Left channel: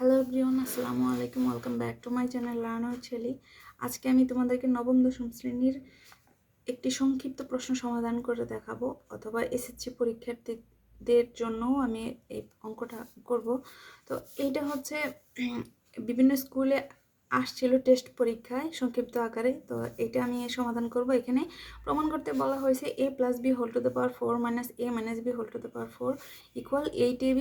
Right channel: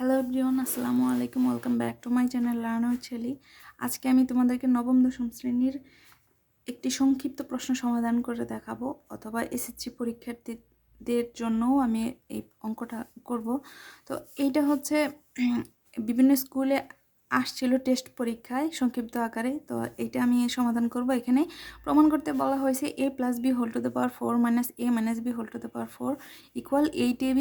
Hello everyone, আসসালামু আলাইকুম। Welcome back to my channel learn with Shelly. আজকে আমি তোমাদেরকে নবম দশম শ্রেণীর একটি সংক্ষিপ্ত প্রশ্ন সমাধান করে দেখাবো, অথবা এসএসসি পরীক্ষার্থীদের জন্যও আমি এই অঙ্কটা করব। তো এইটা হচ্ছে বিভিন্ন স্কুলে আসছিল টেস্ট পরীক্ষায় সংক্ষিপ্ত আকারে। তো এটা আমি সমাধান করব। এখানে প্রমাণ করতে বলা হয়েছে a plus B whole to the power 4 minus a minus B whole to the power 4 equal 8ab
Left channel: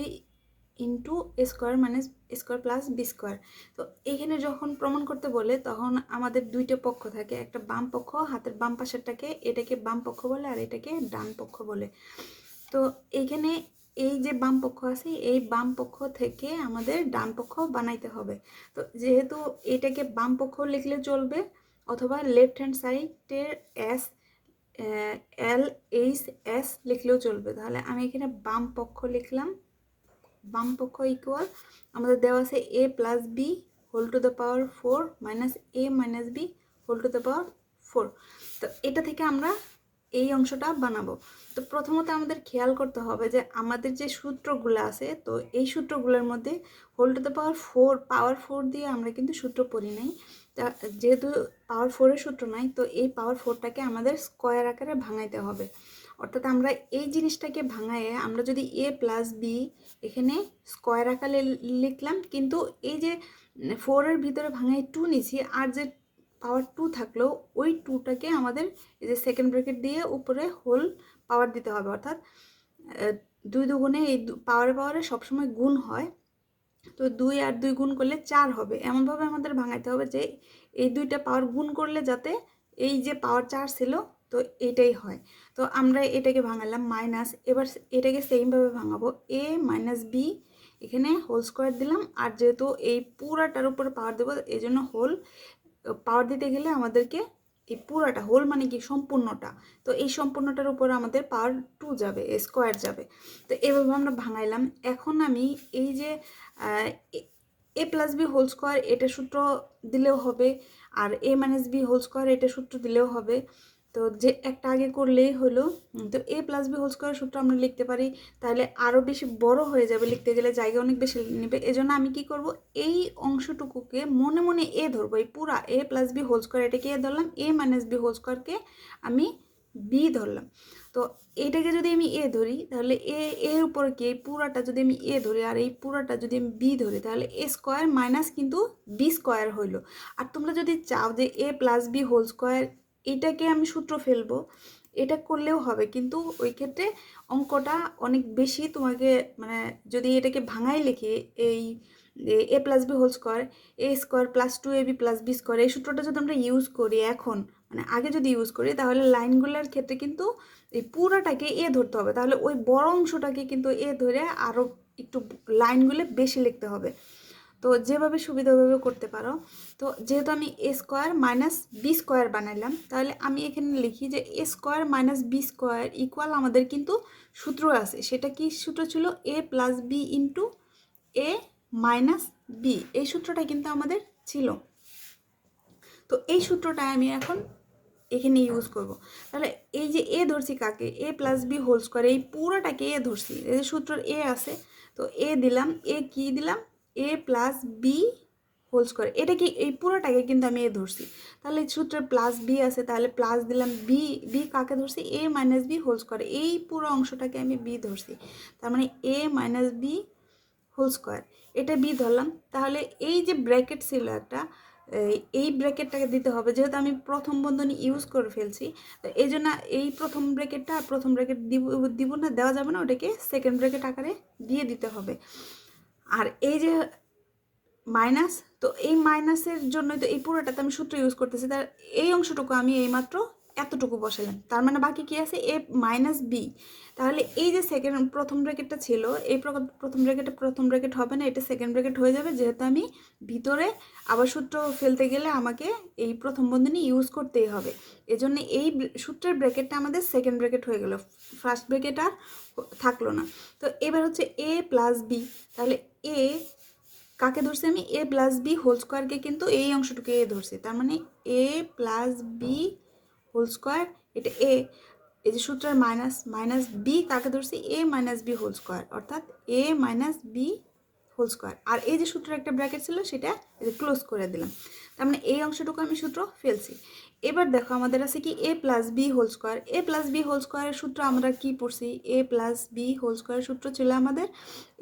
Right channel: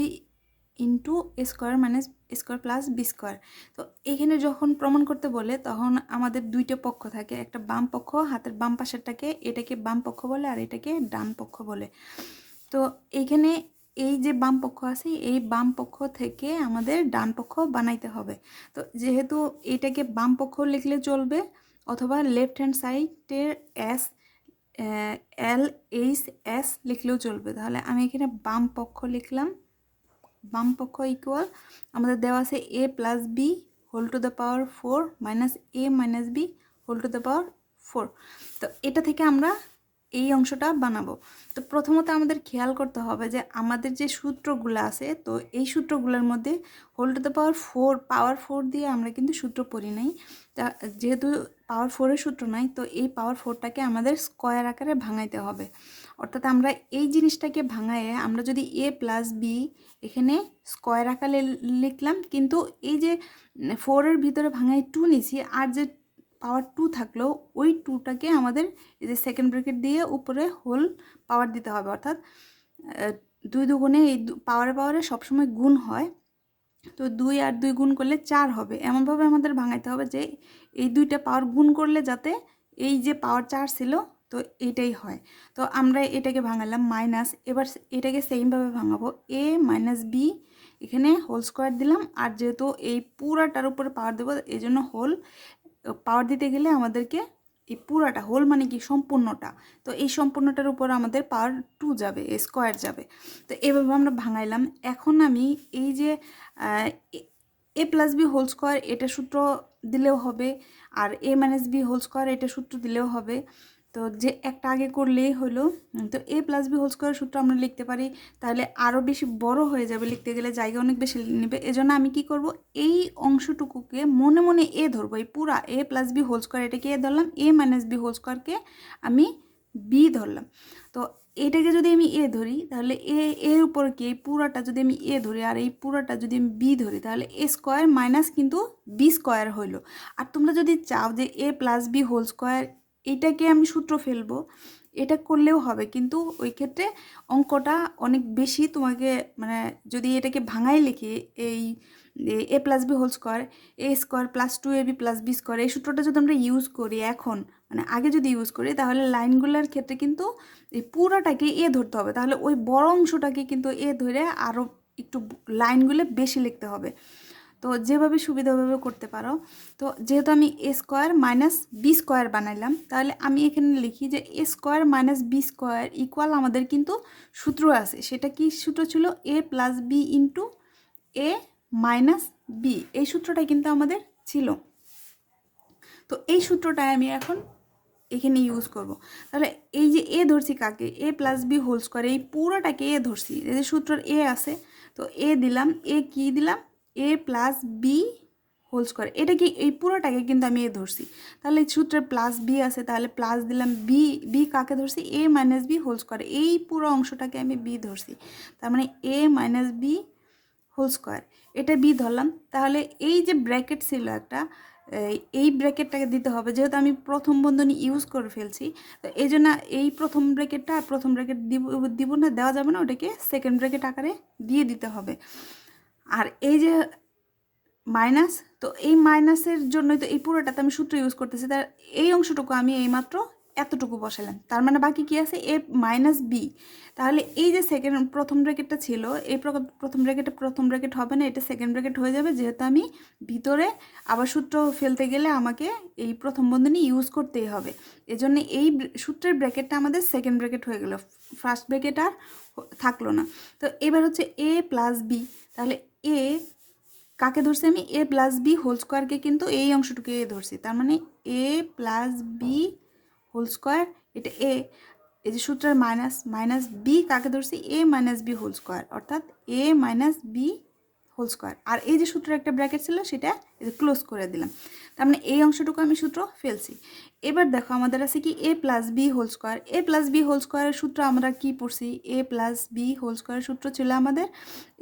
into A square minus square plus B square. তো এইখানে যখন প্রমাণ করতে বলে তখন আমাদের দুইটা পক্ষ থাকে, একটা বাম পক্ষ, হাতের বাম পাশেরটাকে এটাকে বাম পক্ষ বলে আর এটাকে ডান পক্ষ বলে। তো এইখানে এই যে বাম পক্ষ আছে, এই বাম পক্ষ থেকে আমাদের ডান পক্ষ বানাইতে হবে। তো যেহেতু এটাকে বাম পক্ষ লিখলে চলবে, অথবা লেফট হ্যান্ড সাইডের এস এল এইচ এস লিখলেও চলবে। তাহলে আমি এখানে বাম পক্ষ লিখলাম। বাম পক্ষ ইকুয়াল আমাদের দেওয়া আছে a plus B whole to the power 4 minus a minus B whole to the power 4। তো এটা থেকে আমরা এই অংশটা বানাবো। তো প্রথমত আমাদের খেয়াল করতে হবে যে আমাদের যে সূত্রগুলো আছে, তো এই সূত্রগুলোর মধ্যে হোল টু দ্য পাওয়ার 4 দিয়ে আমরা কিন্তু সূত্র পড়ি নাই। তা যেহেতু পাওয়ার 4-এর সূত্র নাই, তো এই পাওয়ার 4টাকে আমাদের স্কোয়ার আকারে ভাঙাইতে হবে। অর্থাৎ আমরা এই জিনিসটাকে ভাঙায়ে আমরা যদি a প্লাস বি এখানে স্কোয়ার আকারে লিখলাম, কিন্তু এই যে 4-এর ভিতরে ভাঙায় 2 নিছি, আর যে পাওয়ার 2 থাকলো ওই 2টাকে আমাদের এই যে সেকেন্ড ব্র্যাকেট দিয়ে উপরে হোল পাওয়ার দিতে হবে। অর্থাৎ 2 দুগুণে এই পাওয়ারে সবসময় গুণ হয়। তো 2 আর 2 গুণ করলে 4 হবে। এমনভাবে আমাদের ভাঙাইতে হবে যে এই দুইটা পাওয়ার গুণ করলে যাতে এই যে পাওয়ার 4 ছিল তো এটাই হয়। তো আমরা এটাকে ভাঙালাম মাইনাস। এবার এটাকে সেমভাবে ভাঙাবো, a মাইনাস বি এখানে হোল স্কোয়ার দিলাম, আর যেহেতু এই পুরাটার উপরে পাওয়ার দেবো এই জন্য হোল পাওয়ার দিতে গেলে আমাদেরকে এই পুরাটা, হোল মানে কি সম্পূর্ণটা, তো এই সম্পূর্ণটার উপর আমাদের পাওয়ার 2 যাবে, স্কোয়ার যাবে। তো এভাবে আমরা ভাঙাইলাম। এখন আমি এই যে এ প্লাস বি হোল স্কোয়ার এটা সূত্র দিলেও হবে, আর A minus B whole square এটা সূত্র দিলেও হবে। তো যে একটা আগে করলেই হলো। তো এ প্লাস বি হোল স্কোয়ার সূত্র আমরা লিখতে পারি, তাহলে আরও বেশি বড় হয়ে যাবে, লিখতে গেলে জায়গা অনেক বেশি নেবে। এজন্য আমি কি করব, এই অংশটুকুকে মনে মনে এ ধরবো, এই পুরা এ প্লাস বি হোল স্কোয়ার এটাকে এ ধরলাম, এ মাইনাস বি হোল স্কোয়ারকে আমি বি ধরলাম। তো এটাকে যদি আমি এ ধরি তাহলে এর উপর কি এই পুরাটা যদি আমি এ ধরি আর এই পুরাটা যদি আমি বি ধরি, তাহলে এ স্কোয়ার মাইনাস কিন্তু বি স্কোয়ার হইলো। আর তোমরা যদি চাও যে এ প্লাস বি হোল স্কোয়ার এটাকে আমি সূত্র ফেলবো, এটা করলেও হবে, কিন্তু ওই ক্ষেত্রে অঙ্কটা অনেক বেশি তোমাকে, মানে যদি এটাকে ভাঙায় লিখে এই A plus B whole square A square plus 2ab plus B square, এই সূত্রটা যদি আমরা ইউজ করি এখন, মানে আগে যদি ইউজ করি, তাহলে লাইনগুলোর ক্ষেত্রে কিন্তু এই পুরোটাকে এ ধরতে হবে। তাহলে ওই বড় অংশটাকে কিন্তু এ ধরে আরও একটু লাইনগুলো বেশি লিখতে হবে। তো যেভাবে সুবিধাভাবে করতে পারো। তো যেহেতু আমি A square minus B square বানাইলাম, তাহলে আমি এখানে লিখি যে A square minus B square equal আমাদের কিন্তু সূত্র আছে। সেটা কি সূত্র ছিল? A plus B into A minus B, এই সূত্রটাই কিন্তু আমাদের ছিল। তো এই সূত্রটাই আমি এখন এখানে ইউজ করব। তাহলে এই যে এ ধরছি কাকে, এ প্লাস বি হোল স্কোয়ার, এই পুরোটাকে এ ধরছি, এই যে সূত্রের এ আছে, তো এ দিলাম, এ কি দিলাম, এ প্লাস বি হোল স্কোয়ার, এটা কি এই পুরোটাকে কিন্তু আমি এ ধরছি। তাহলে সূত্রের প্লাস বি আছে, তাহলে প্লাস দিলাম, বি বি কাকে ধরছি, এ মাইনাস বি হোল স্কোয়ার, এই পুরো অংশটাকে আমি বি ধরছি। তার মানে এ মাইনাস বি হোল স্কোয়ার এটা বি ধরলাম। তাহলে এই যে ব্র্যাকেট ছিল একটা, এই ব্র্যাকেটটাকে দিতে হবে, যেহেতু আমি প্রথম বন্ধনী ইউজ করে ফেলছি, তো এই জন্য এই প্রথম ব্র্যাকেটটা আর প্রথম ব্র্যাকেট দিব না, দেওয়া যাবে না, ওটাকে সেকেন্ড ব্র্যাকেট আকারে দিয়ে দিতে হবে। আর এই যে মাইনাস, তো এই মাইনাসের জন্যই তো এই পুরোটাতে আমি সূত্র ইউজ করতেছি, তার এই অংশটুকু আমি এইমাত্র এতটুকু বসালাম, তার মানে বাকি কি আছে, এ মাইনাস বি। তাহলে এই যে প্রথম ব্র্যাকেটটা ছিল, এই প্রথম ব্র্যাকেট হবে না, এটা সেকেন্ড ব্র্যাকেট হয়ে যাবে, যেহেতু আমি ভিতরে আবার সূত্র ফেলতে গেলে আমাকে এই প্রথম বন্ধনী ইউজ করতেই হবে। এজন্য এই সূত্রের ব্র্যাকেটটা আমাদের সেকেন্ড ব্র্যাকেট হয়ে গেল, ফার্স্ট ব্র্যাকেট আর থাকলো না। তো এবার হচ্ছে এ প্লাস বি, তাহলে এ কাকে ধরছি আমি, এ প্লাস বি হোল স্কোয়ারকে কিন্তু এই অংশটুকু এ ধরছি, তার মানে এ প্লাস বি হোল স্কোয়ার এটা এ, এই যে সূত্রের মাইনাস মাইনাস বি কাকে ধরছি, এ মাইনাস বি হোল স্কোয়ার, অর্থাৎ এ মাইনাস বি হোল স্কোয়ার। আর এই যে সূত্রের একটা ব্র্যাকেট ছিল সেটা ক্লোজ করে দিলাম। তার মানে এই অংশটুকু আমি সূত্র ফেলছি। এবার দেখো আমাদের আছে কি এ প্লাস বি হোল স্কোয়ার। এ প্লাস বি হোল স্কোয়ারের সূত্র আমরা কি পড়ছি? এ প্লাস বি হোল স্কোয়ারের সূত্র ছিল আমাদের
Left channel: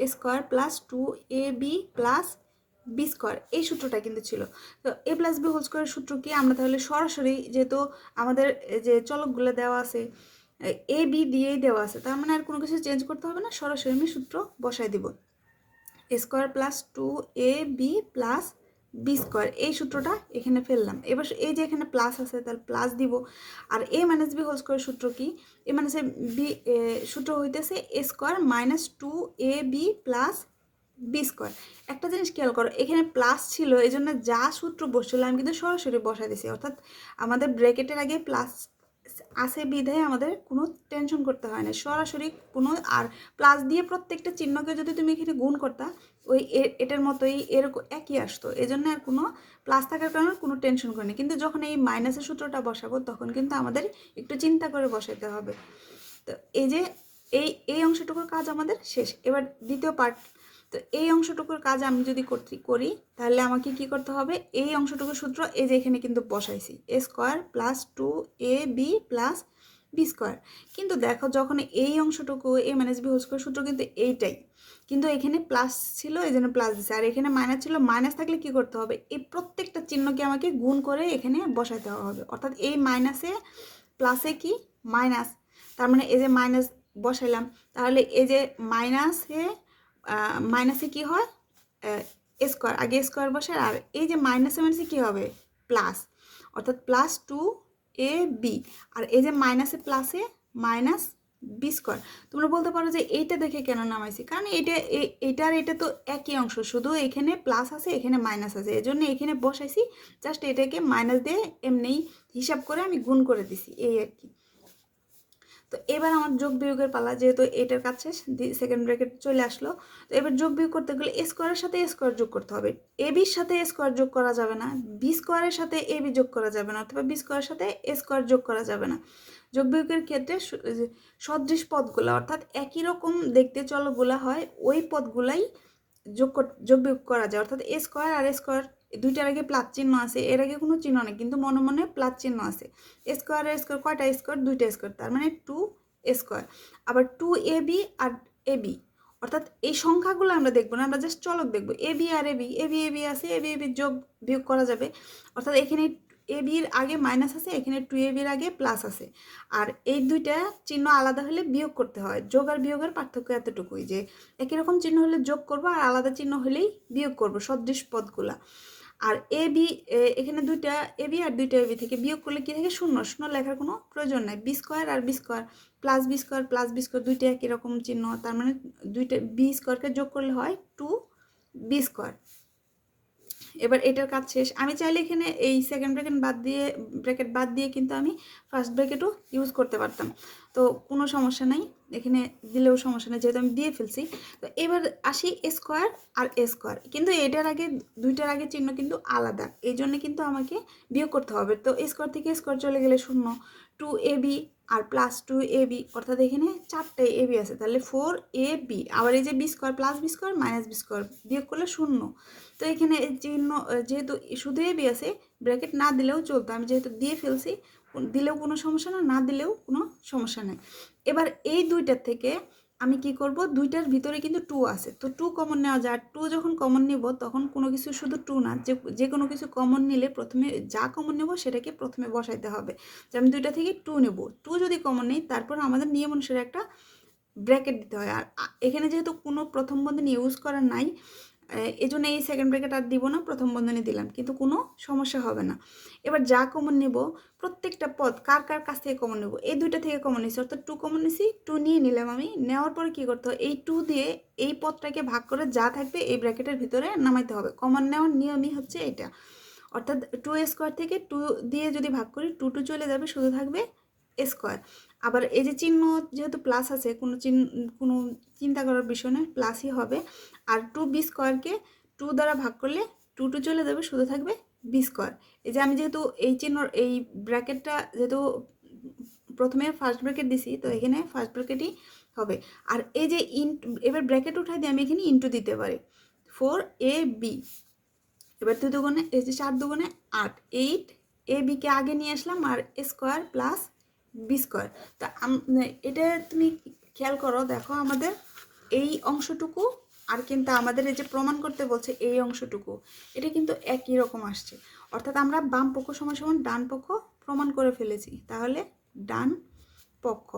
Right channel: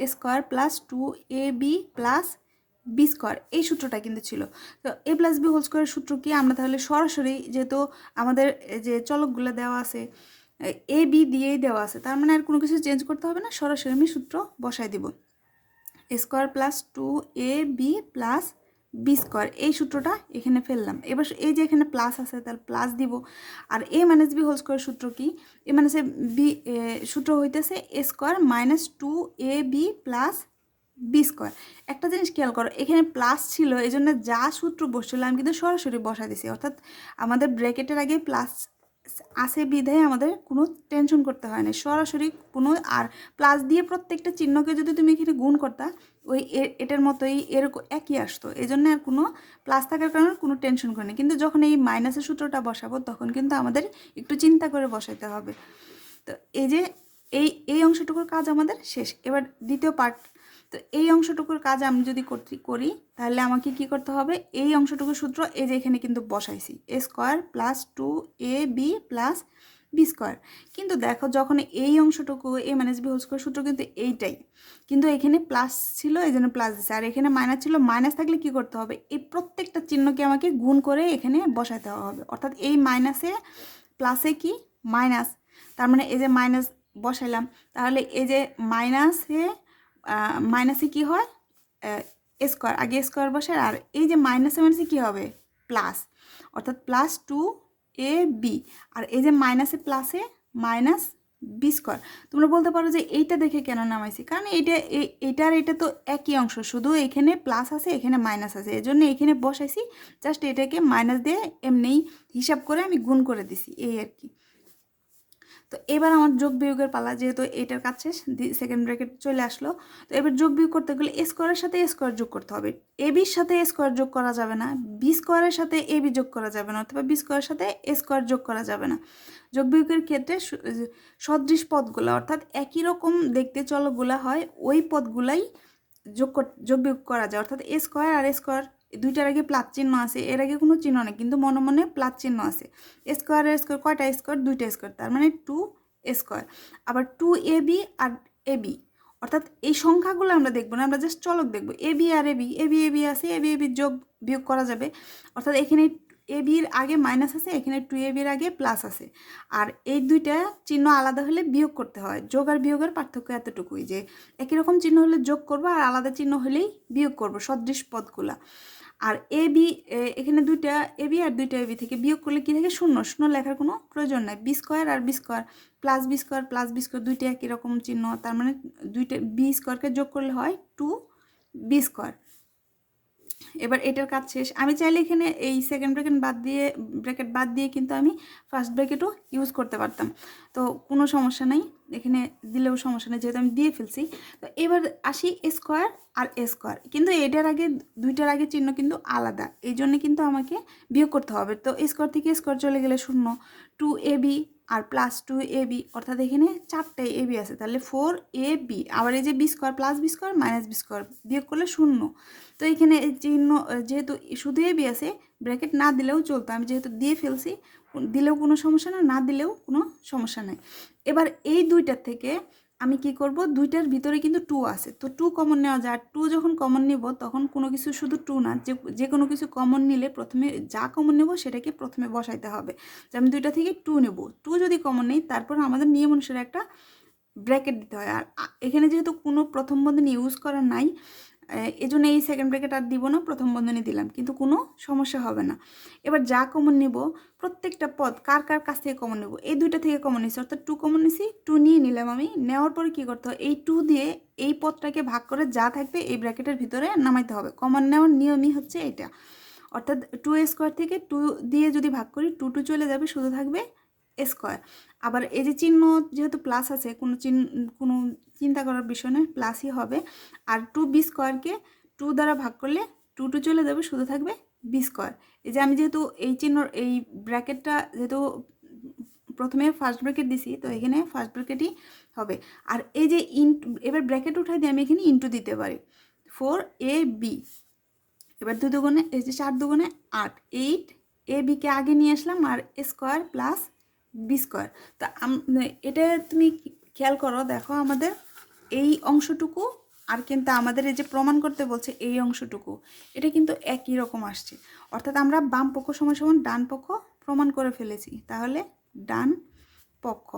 A square plus 2ab plus B square, এই সূত্রটা কিন্তু ছিল। তো এ প্লাস বি হোল স্কোয়ারের সূত্র কি? আমরা তাহলে সরাসরি, যেহেতু আমাদের যে চলকগুলো দেওয়া আছে এ বি দিয়েই দেওয়া আছে, তার মানে আর কোনো কিছু চেঞ্জ করতে হবে না, সরাসরি আমি সূত্র বসাই দিব। A square plus 2ab plus B square, এই সূত্রটা এখানে ফেললাম। এবার এই যে এখানে প্লাস আছে তাহলে প্লাস দিব। আর A minus B whole square সূত্র কি? এ মাইনাস বি সূত্র হইতেছে A square minus 2ab plus B square. একটা জিনিস খেয়াল করো, এখানে প্লাস ছিল এই জন্য যা সূত্র বসছিল আমি কিন্তু সরাসরি বসা দিছি, অর্থাৎ আমাদের ব্র্যাকেটের আগে প্লাস আছে বিধায় আমাদের কোনো টেনশন করতে হয় না, সরাসরি কোনো। আর প্লাস দিয়ে প্রত্যেকটা চিহ্নকে যদি তুমি এখানে গুণ করতা ওই এটার মতোই এরকম একই আসতো, এই জন্য আর কোনো প্লাস থাকার কারণে কোনো টেনশন করিনি। কিন্তু যখন এই মাইনাসের সূত্রটা বসাবো তখন কিন্তু আমাদের একটু চিন্তা করে বসাইতে হবে। তো এই যে এই অংশটুকুর কাজ আমাদের শেষ। এবার দ্বিতীয় পার্ট। তো এই অংশটুকুর কাজ আমি যদি করি তাহলে আমাকে কি করতে হবে? এই অংশটুকুর সূত্র এই যে এখানে কিন্তু বসাইছি A square plus 2ab plus B square. কিন্তু দেখো যখন এই অংশটুকু A minus B whole square সূত্র কিন্তু এইটাই, কিন্তু এখানে প্লাস ছিল এই জন্য প্লাস দিচ্ছে, আর এখানে মাইনাস ছিল। মাইনাস থাকলে কি করতে হবে? এই প্রত্যেকটা চিহ্নকে আমাকে গুণ করে এখানে বসাতে হবে, অর্থাৎ এই মাইনাসে প্লাসে কি মাইনাস, তার মানে এই যে মাইনাস বসাইলাম, তাহলে এই যে মাইনাসে কি হয়? স্কোয়ার, আগে স্কোয়ার বসার, আর এই যে মাইনাসে মাইনাসে কী হবে? প্লাস, অর্থাৎ প্লাস 2ab। আর এই যে মাইনাসে প্লাসে মাইনাস বি স্কোয়ার। তোমরা বলতে পারো যে এইটা দেখে কেন নামাইছি, কারণ এইটার এটা তো একই অংশ, শুধু এখানে প্লাস আছে এখানে মাইনাস আছে, এই জন্য এখানে বসাইছি। জাস্ট এটাকে মাইনাস দিয়ে এমনি হিসাব করে আমি গুণ করে দিছি, এই আর কি। তো এবার আমার যোগ বিয়োগের পালা, যেহেতু এটার কাজ শেষ, সেকেন্ড ব্র্যাকেট চলে আসলো। তো এবার যোগ বিয়োগ করতে গেলে এ স্কোয়ারের সাথে এ স্কোয়ার যোগ করতে হবে। এ বির সাথে এ স্কোয়ার যোগ করা যাবে না, বি স্কোয়ারের সাথে এ বি যোগ করা যাবে না, অথবা বি স্কোয়ারের সাথে এ স্কোয়ার যোগ করা যাবে না। যোগ বিয়োগের ক্ষেত্রে সদৃশ পদগুলো, অর্থাৎ একই রকম দেখতে চলকগুলা হয়, ওই পদগুলাই যোগ বিয়োগ করা যায়। অর্থাৎ এ স্কোয়ার আর এ স্কোয়ার দুইটার আগে প্লাস চিহ্ন আছে, এর আগে কোনো চিহ্ন নেই, কিন্তু মনে মনে প্লাস চিহ্ন আছে। স্কোয়ার আর স্কোয়ার কয়টা স্কোয়ার? দুইটা স্কোয়ার, তার মানে 2 স্কোয়ার। আবার 2ab আর ab, অর্থাৎ এই সংখ্যাগুলো আমরা দেখবো না, আমরা জাস্ট চলক দেখবো। ab আর ab আছে, ab যোগ বিয়োগ করা যাবে। অর্থাৎ এখানে ab এর আগে মাইনাস আছে, এখানে 2ab এর আগে প্লাস আছে। আর এই দুইটা চিহ্ন আলাদা হলে বিয়োগ করতে হয়। যোগ আর বিয়োগের পার্থক্য এতটুকুই, যে একই রকম চিহ্ন হলে যোগ করবো আর আলাদা চিহ্ন হলেই বিয়োগ করবো, সদৃশ পদগুলা। আর এখানে দুইটা এবি আর দুইটা এবি থেকে বিয়োগ করলে কি থাকে? শূন্য। শূন্য লেখার কোনো প্রয়োজন নাই। বি স্কোয়ার আর B square plus B square plus B square দুইটা একই রকম চিহ্ন, তার মানে দুইটা বি স্কোয়ারকে যোগ করলে হয় 2b স্কোয়ার। এবার এটার কাজ শেষ। আমি চাইলে এখানে এই সেকেন্ড ব্র্যাকেট বাদ দিয়ে কিন্তু আমি ফার্স্ট ব্র্যাকেটও ইউজ করতে পারতাম, তো কোনো সমস্যা নাই, এখানে দিলেও সমস্যা নেই, যেহেতু আমি দিয়ে ফেলছি। তো এবার আসি স্কোয়ার আর এ স্কোয়ার, কিন্তু এটার আগে দুইটার আগে চিহ্ন কিন্তু আলাদা, এই জন্য কিন্তু আমাকে বিয়োগ করতে হবে। তো স্কোয়ার থেকে স্কোয়ার চলে গেলে শূন্য, 2ab আর প্লাস 2ab, অর্থাৎ এখানে 4টে ab আছে, তাহলে 4ab। আবার এই যে B square plus B square minus B square বিয়োগ করলে শূন্য। তো এখানে চিহ্ন যেহেতু শুধু এবি আছে, ব্র্যাকেট না দিলেও চলতো, আমি যেহেতু দিয়ে ফেলছি, দিলেও কোনো সমস্যা না, না দিলেও কোনো সমস্যা নাই। এবার এই দুইটার থেকে আমি কি করব? দুইটার ভিতরে কিন্তু 2 আছে, তো 2 কমন নেওয়া যায়। 2 যখন কমন নিব তখন কোনো কিছু শুধু 2 না, যে কোনো কিছু কমন নিলে প্রথমে যা কমন নেব সেটাকে প্রথমে বসাইতে হবে। তো আমি দুইটা থেকে 2 নেব। 2 যদি কমন নেই তারপর আমাদের নিয়ম অনুসারে একটা ব্র্যাকেট দিতে হয়। আর এখানে যেহেতু কোনো প্রথম বন্ধনী ইউজ করা নাই, এই জন্য এই সেকেন্ড ব্র্যাকেট আর দিব না, প্রথম বন্ধনী দিলাম, কিন্তু কোনো সমস্যা হবে না। এবার যা কমন নেব, প্রত্যেকটা পদ কার কার কাছ থেকে কমন নেব? এই দুইটা থেকে কমন নিছি, অর্থাৎ 2 কমন নিছি, 2 নিয়ে নিলাম আমি। নেওয়ার পরে কী করতে হবে? এই 2 দিয়ে এই পদটাকে ভাগ করে যা থাকবে এই ব্র্যাকেটের ভিতরে নামাইতে হবে। কমন নেওয়ার নিয়মই হচ্ছে এটা, অর্থাৎ 2 স্কোয়ার থেকে 2 দিয়ে যদি ভাগ করি 2 চলে যাবে, শুধু থাকবে স্কোয়ার। আবার এই যে চিহ্ন যেহেতু প্লাস আছে, কোনো চিন্তা করার বিষয় নয়, প্লাসই হবে। আর 2b স্কোয়ারকে 2 দ্বারা ভাগ করলে 2 চলে যাবে, শুধু থাকবে বি স্কোয়ার। এই যে আমি যেহেতু এই চিহ্ন এই ব্র্যাকেটটা যেহেতু প্রথমে ফার্স্ট ব্র্যাকেট দিছি, তো এখানে ফার্স্ট ব্র্যাকেটই হবে। আর এই যে এবার ব্র্যাকেট উঠাই দিয়ে আমি এখানে ইন্টু দিতে পারি। 4ab। এবার 2 দুগুণে এই যে 4 দুগুণে 8, 8 ab কে আগে নিয়ে আসলাম আর স্কোয়ার প্লাস বি স্কোয়ার। তা এটা তুমি খেয়াল করো, দেখো আমাদের এই অংশটুকু আর কিন্তু আমাদের এই যে প্রমাণ করতে বলছে এই অংশটুকু, এটা কিন্তু একই রকম আসছে। অর্থাৎ আমরা বাম পক্ষ সমান সমান ডান পক্ষ প্রমাণ করে ফেলেছি। তাহলে ডান পক্ষ,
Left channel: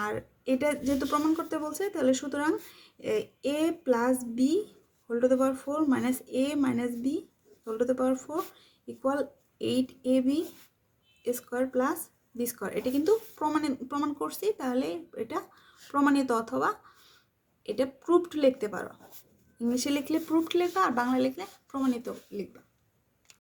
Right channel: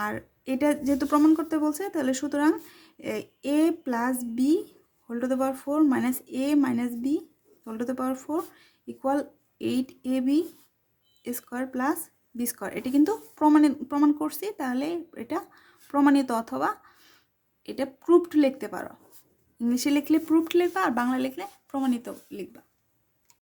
আর এটা যেহেতু প্রমাণ করতে বলছে তাহলে সুতরাং a plus B whole to the power 4 minus a minus B whole to the power 4 equal 8ab square plus B square. এটা কিন্তু প্রমাণ করছি, তাহলে এটা প্রমাণিত অথবা এটা প্রুভড লিখতে পারো। ইংলিশে লিখলে প্রুভড লিখবা আর বাংলা লিখলে প্রমাণিত লিখবা।